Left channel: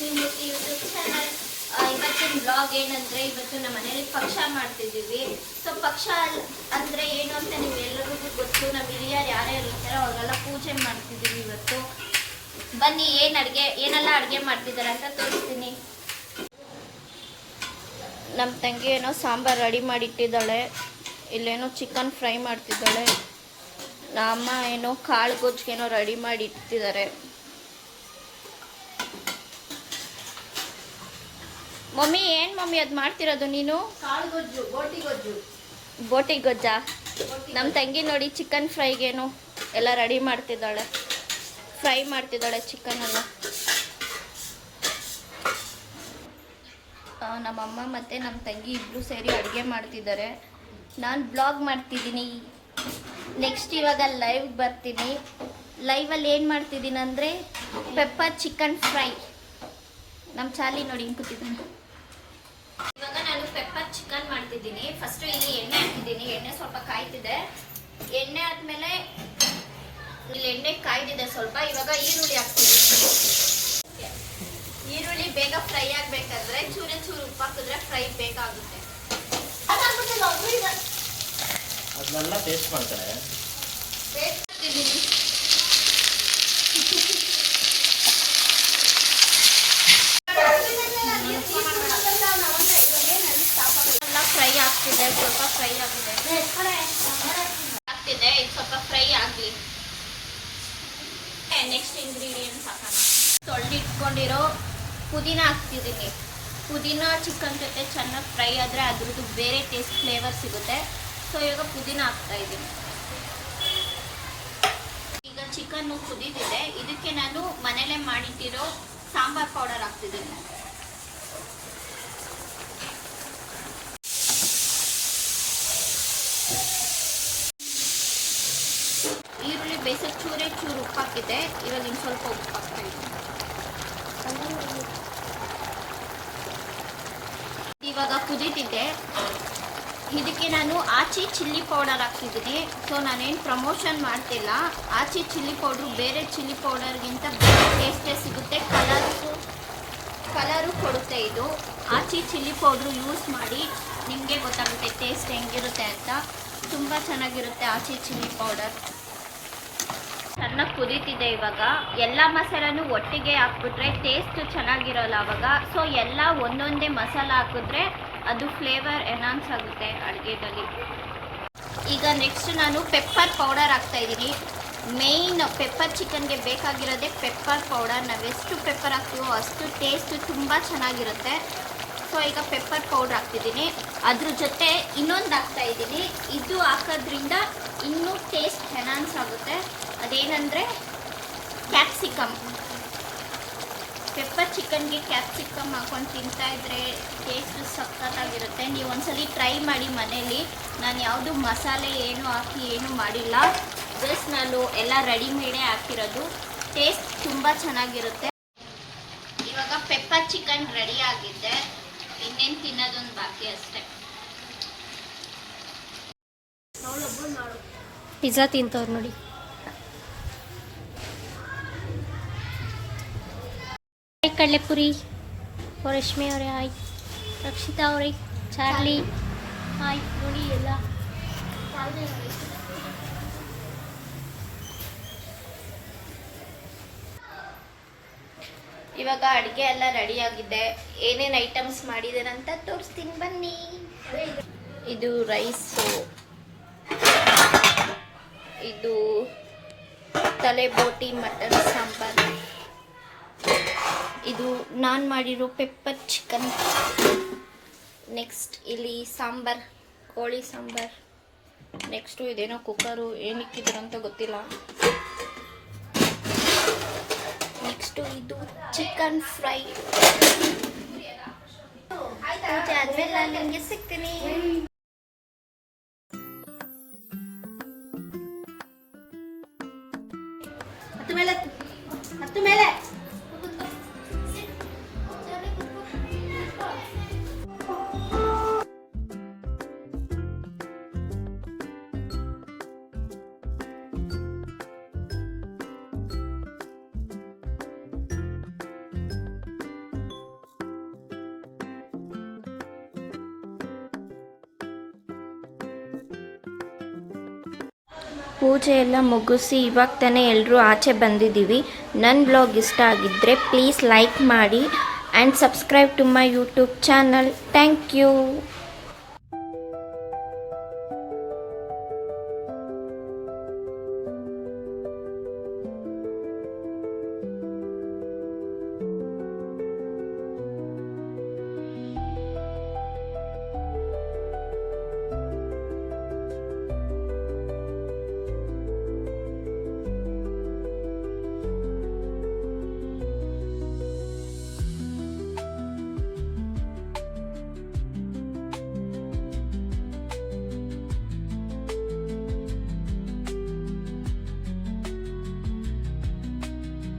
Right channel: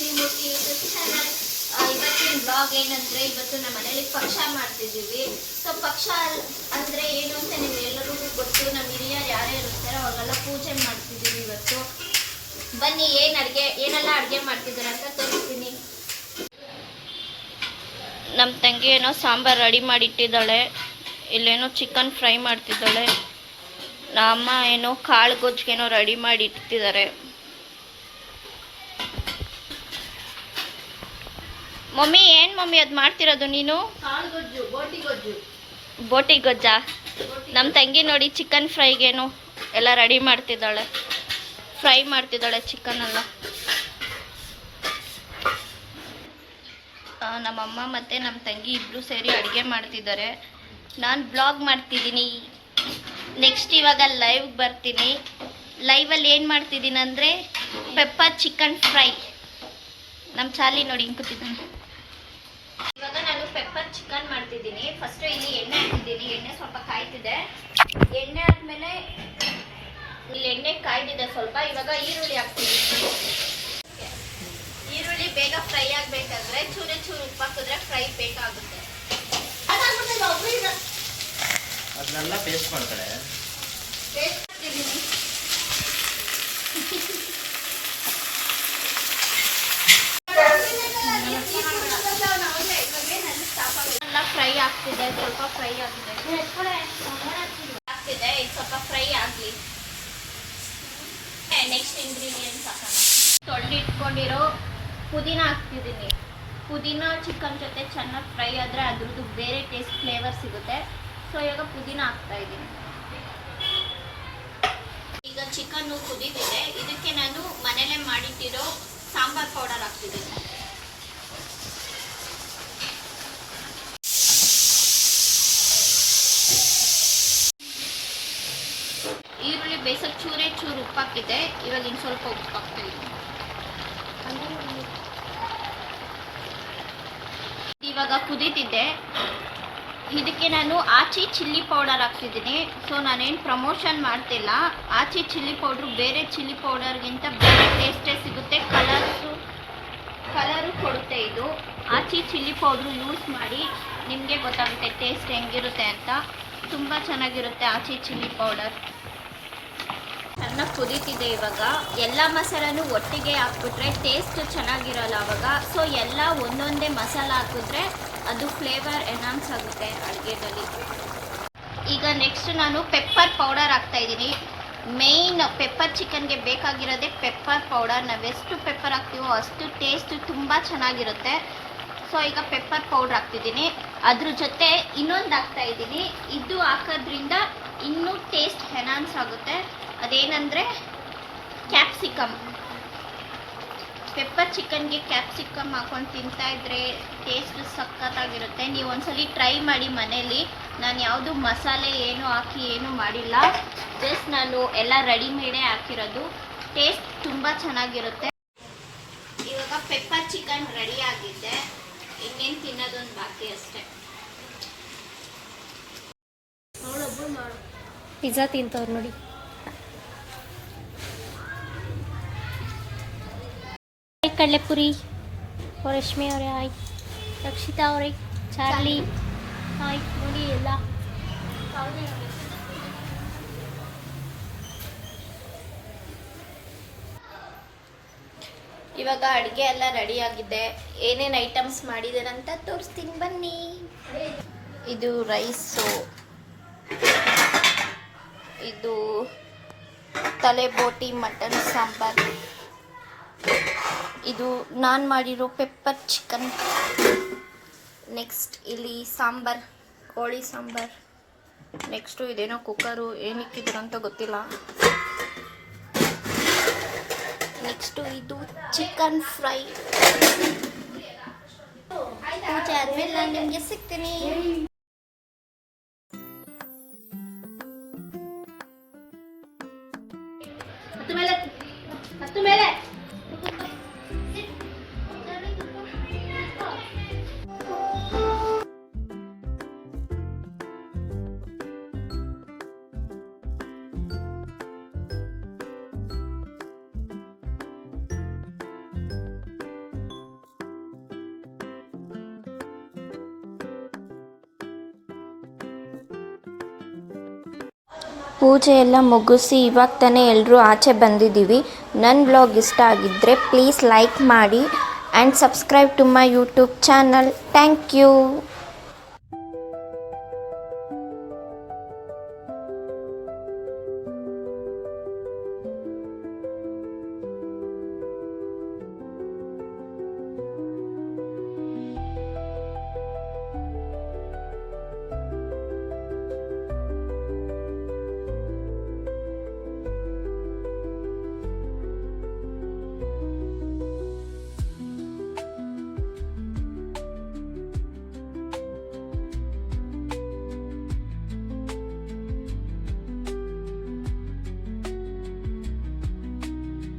ಲಕ್ಷ್ಮೀ ಮೂರ್ತಿ YouTube channel. ಇವತ್ತಿನ blog ಏನಂದ್ರೆ, ಇವತ್ತು ನಮ್ಮ ಮನೇಲಿ ಪಕ್ಷ ಮಾಡ್ತಿದ್ದೀವಿ. ಸೊ ಪಕ್ಷ ಅಂದ್ರೆ ಏನು ಅಂತ ನೀವು ಎಲ್ಲರಿಗೂ ಗೊತ್ತು. ನಮ್ಮ ಹಿರಿಯರು ಯಾರ್ಯಾರು ಇರ್ತಾರೆ ಅವ್ರಿಗೆಲ್ಲ ಪೂಜೆ ಮಾಡ್ತಿದ್ದೀವಿ ಇವತ್ತು. ಬನ್ನಿ ಏನೆಲ್ಲ ಅಡುಗೆ ಮಾಡ್ತಿದ್ದಾರೆ ಅಂತ ತೋರಿಸ್ತೀನಿ. ನಮ್ಮ ತಂಗಿ ಏನೋ ಸಾಂಬಾರು ರೆಡಿ ಮಾಡಿಟ್ಟಿದ್ದಾಳೆ. ಇಲ್ಲೇನೋ ಚಿಕನ್ ಫ್ರೈ ಮಾಡ್ತಿದ್ದಾಳೆ. ನಮ್ಮ ಏನೋ ಕಾಳು ಗೊಜ್ಜಿಗೇನೋ ರೆಡಿ ಮಾಡಿ ಇಟ್ಟಿದ್ದಾರೆ. ಮಮ್ಮಿ ಏನು ಮಮ್ಮಿ ಅದು ಮಾಡ್ತಿರೋದು ನೀನು? ಬೋಟಿ ಗೊಜ್ಜಾ? ನಮ್ಮ ತಂಗಿ ನೋಡಿ ಚಿಕನ್ ಫ್ರೈಗೇನು ಎಲ್ಲ ರೆಡಿ ಮಾಡ್ತಿದ್ದಾಳೆ. ಫ್ರೈ ಮಾಡ್ತಿದ್ದಾಳೆ ಚಿಕನ್ ಎಲ್ಲ. ನಮ್ಮಮ್ಮ ಮತ್ತು ನಮ್ಮ ತಂಗಿ ಇಬ್ಬರು ಸೇರಿ ಅಡುಗೆ ಮಾಡ್ತಿದ್ದಾರೆ. ನಾನು ಬ್ಲಾಗ್ ಮಾಡ್ತಿದ್ದೀನಿ. ನೆಕ್ಸ್ಟ್ ಇವಾಗ ಲೈವ್ಗೆ ಬರ್ತೀನಿ. ಲೈವಲ್ಲಿ ಏನು ಮಾಡ್ತಿದ್ದೀನಿ ಅಂದರೆ ಪೆಪ್ಪರ್ ಚಿಕನ್ ಫ್ರೈ. ನಮ್ಮ ಚಾಲಿ ನೋಡಿ ಹಿಂಗೆ ಕೂತಿದ್ದಾನೆ. ಇವಾಗ ನಾನು ಪೆಪ್ಪರ್ ಚಿಕನ್ ಮಾಡ್ತಿದ್ದೀನಿ. ಫಸ್ಟು ಇಲ್ಲಿ ಎಣ್ಣೆ ಹಾಕಿದ್ದೀನಿ. ಎಣ್ಣೆ ಸ್ವಲ್ಪ ಕಾಯ್ತಿದೆ. ಎಣ್ಣೆ ಆದಮೇಲೆ ಇಲ್ಲಿ ಎಣ್ಣೆ ಕಾಯ್ದಿದೆ ಸ್ವಲ್ಪ. ಇವಾಗ ಈರುಳ್ಳಿ ಹಾಕ್ತಿದ್ದೀನಿ. ಈರುಳ್ಳಿ ಬೇಗ ಫ್ರೈ ಆಗಬೇಕಾದ್ರೆ ಚೂರು ಉಪ್ಪು ಹಾಕಿದ್ರೆ ಫ್ರೈ ಬೇಕಾಗುತ್ತೆ. ಅದನ್ನೆಲ್ಲ ಪೇಸ್ಟ್ ಮಾಡ್ತಾರೆ. ಪೇಸ್ಟ್ ಹಾಕ್ತಿದ್ದೀನಿ. ಫ್ರೈ ಆಗ್ತಿದೆ, ಸ್ವಲ್ಪ ಫ್ರೈ ಆಗಿದೆ. ಆಗ್ತಿದೆ, ಇದು ಸ್ವಲ್ಪ ಫ್ರೈ ಆಗಲಿ. ನೆಕ್ಸ್ಟ್ ಇಂಗ್ರೀಡಿಯೆಂಟ್ಸ್ ಹಾಕೋಣ. ತೊಳೆದಿಟ್ಕೊಂಡಿರೋ ಪುದೀನ ಹಾಕ್ತಿದ್ದೀನಿ. ಪುದೀನ ಚಿಕನ್ ಜೊತೆ ಚೆನ್ನಾಗಿ ಫ್ರೈ ಆದರೆ ಅದ್ರದ್ದು ಬೇರೆ ಟೇಸ್ಟ್ ಫ್ಲೇವರ್ ಸಿಗುತ್ತೆ. ಸೊ ಇವಾಗ ಪುದೀನ ಹಾಕ್ತಾ ಇದ್ದೀನಿ. ಈಗ ಚಿಕನ್ನು ಕುದಿದಿದೆ. ಇದಕ್ಕೆ ನಾನು ಮನೇಲೆ ಮಾಡಿಟ್ಟಿರೋ ಸಾಂಬಾರ್ ಪೌಡರ್ ಹಾಕ್ತಿದ್ದೀನಿ. ಈರುಳ್ಳಿ ಬೇಯಿಸೋಕೆ ಚೂರು ಉಪ್ಪು ಹಾಕಿದೆ. ಇವಾಗ ಇನ್ನು ಸ್ವಲ್ಪ ಉಪ್ಪು ಹಾಕ್ತಾ ಇದ್ದೀನಿ. ಇವಾಗ ಕುದೀತಿದ್ದೆ. ಇದಕ್ಕೆ ನಾನು ಆಚಿ ಚಿಲ್ಲಿ ಪೌಡರ್ ಹಾಕ್ತಿದ್ದೀನಿ. ಸೊ ನಾನೇನು ಪ್ರಮೋಷನ್ ಮಾಡ್ತಿಲ್ಲ. ಆಚಿ ಚಿಲ್ಲಿ ಪೌಡ್ರು ಬೇರೆ ಚಿಲ್ಲಿ ಪೌಡರ್ಗಿಂತ ಬೇರೆ ಟೇಸ್ಟೇ ಸಿಗುತ್ತೆ. ಕಲರು ಕೊಡುತ್ತೆ ಇದು. ಆಚಿ ಚಿಲ್ಲಿ ಪೌಡ್ರು ಯೂಸ್ ಮಾಡಿ, ನಿಮಗೆ ಗೊತ್ತಾಗುತ್ತೆ ಟೇಸ್ಟ್ ಹೆಂಗಿರುತ್ತೆ ಅಂತ. ತುಂಬ ಚೆನ್ನಾಗಿರುತ್ತೆ ಆಚಿ ಚಿಲ್ಲಿ ಪೌಡರ್. ಚೆನ್ನಾಗಿ ಕುದೀತಿದೆ. ಇವಾಗ ಎಲ್ಲ ಮಸಾಲನೂ ಒಟ್ಟಿಗೆ ಹಾಕ್ಬಿಟ್ರೆ ಟೇಸ್ಟ್ ಚೆನ್ನಾಗಿರೋಲ್ಲ ಅವಾಗ. ಸೊ ಎಲ್ಲ ಒಂದೊಂದೇ ಮಸಾಲ ಹಾಕಿದ್ರೆ ಅದು ಫ್ಲೇವರ್ ಎನ್ಹಾನ್ಸ್ ಆಗುತ್ತೆ ಅಡುಗೆದಲ್ಲಿ. ಈಗ ನೆಕ್ಸ್ಟ್ ನಾನು ಪೆಪ್ಪರ್ ಪೌಡರ್ ಹಾಕ್ತಾಯಿದ್ದೀನಿ. ಮೇಯ್ನ್ ಪೆಪ್ಪರ್ ಚಿಕನ್ಗೆ ಬೇಕಾಗಿರೋದೇ ಪೆಪ್ಪರ್ ಪೌಡರ್. ನಾವೆಷ್ಟು ಪೆಪ್ಪರ್ ಹಾಕ್ತೀವೋ ಅಷ್ಟು ಟೇಸ್ಟ್ ತುಂಬ ಚೆನ್ನಾಗಿರುತ್ತೆ. ಸೊ ಈಗ ಪೆಪ್ಪರ್ ಪೌಡ್ರ್ ಹಾಕ್ತಿದ್ದೀನಿ. ಅದ್ರ ಜೊತೆ ಇನ್ನೊಂದು ಹಾಕ್ತಾಯಿದ್ದೀನಿ. ಇದು ಹಾಕೋದ್ರಿಂದ ಇನ್ನೂ ಟೇಸ್ಟ್ ಎನ್ಹಾನ್ಸ್ ಆಗುತ್ತೆ. ಅದೇನೆಂದರೆ ಕ್ಯಾಪ್ಸಿಕಮ್. ಪೆಪ್ಪರ್ ಚಿಕನ್ಗೆ ಕ್ಯಾಪ್ಸಿಕಮ್ ಹಾಕೊಂಡು ತಿಂತಾಯಿದ್ರೆ ಟೇಸ್ಟ್ ಸಖತ್ತಾಗಿರುತ್ತೆ. ನೀವು ಒಂದ್ಸಲಿ ಟ್ರೈ ಮಾಡಿ ಮನೇಲಿ. ನಾನು ಯಾವುದು ಮಸಾಲೆ ಏನು ಹಾಕಿ ಏನೂ ಮಾಡಿಲ್ಲ. ಜಸ್ಟ್ ನಾನು ಎಲ್ಲ ರೆಡಿಮೇಡೇ ಹಾಕಿರೋದು. ಟೇಸ್ಟ್ ತುಂಬ ಚೆನ್ನಾಗಿರುತ್ತೆ. ಇವಾಗ ಪೆಪ್ಪರ್ ಚಿಕನ್ ರೆಡಿ ಆಗಿದ್ದೆ. ಇನ್ನೇನು ತಿನ್ನೋದೊಂದು ಬಾಕಿ ಅಷ್ಟೇ. ಪಿಜ್ಜಾ ತಿಂತವ್ರು ನೋಡಿ. ಕಡಲೆಪುರಿ ರಶ್ಮಿ ಅವರೇ ಹಾಯ್. ರಕ್ಷಿತಾ ಅವರೇ, ಚಾರ್ಲಿ ಹಾಯ್. ನೋಡಿ ಎಲ್ಲ ಇವಾಗ ಅಡುಗೆ ಎಲ್ಲ ರೆಡಿ ಆಗಿದೆ. ಏನೇನು ಐಟಮ್ಸ್ ಮಾಡಿದ್ದಾರೆ ಅಂತ ತೋರಿಸ್ತೀನಿ ಬನ್ನಿ. ಇದು ರೈಸು, ಇದು ತಲೆ ಬೋಟಿ ಮಟನ್ ಸಾಂಬಾರ್, ಇದು ನಾನು ಮಾಡಿರೋ ಪೆಪ್ಪರ್ ಚಿಕನ್. ನೆಕ್ಸ್ಟ್ ಇಲ್ಲಿ ಸಾಂಬಾರ್, ಕೋಳಿ ಸಾಂಬಾರ್. ನೆಕ್ಸ್ಟು ಇದೇನೋ ಕುಕ್ಕರು, ಏನಿಕ್ಕಿದ್ರು ಅಂತ ಗೊತ್ತಿಲ್ಲ. ನೆಕ್ಸ್ಟು ಇದು ಚಿಕನ್ ಫ್ರೈ. ಪೂಜೆ ಆದಮೇಲೆ ನಾನು ನಿಮಗೆ ಸಿಗ್ತೀನಿ. ಹತ್ತು ಮೇಲೆ ಪೂಜೆ ಎಲ್ಲ ಮುಗಿಸಿ ಇವಾಗ ತಾನೇ ಎಲ್ಲರೂ ಆಚೆ ಬಂದಿದ್ದೀವಿ. ನನ್ನ ಬ್ಲಾಗ್ ಇಷ್ಟ ಆಗಿದ್ದರೆ ಪ್ಲೀಸ್ ಲೈಕ್ ಮಾಡಿ and subscribe to my YouTube channel. Thank you.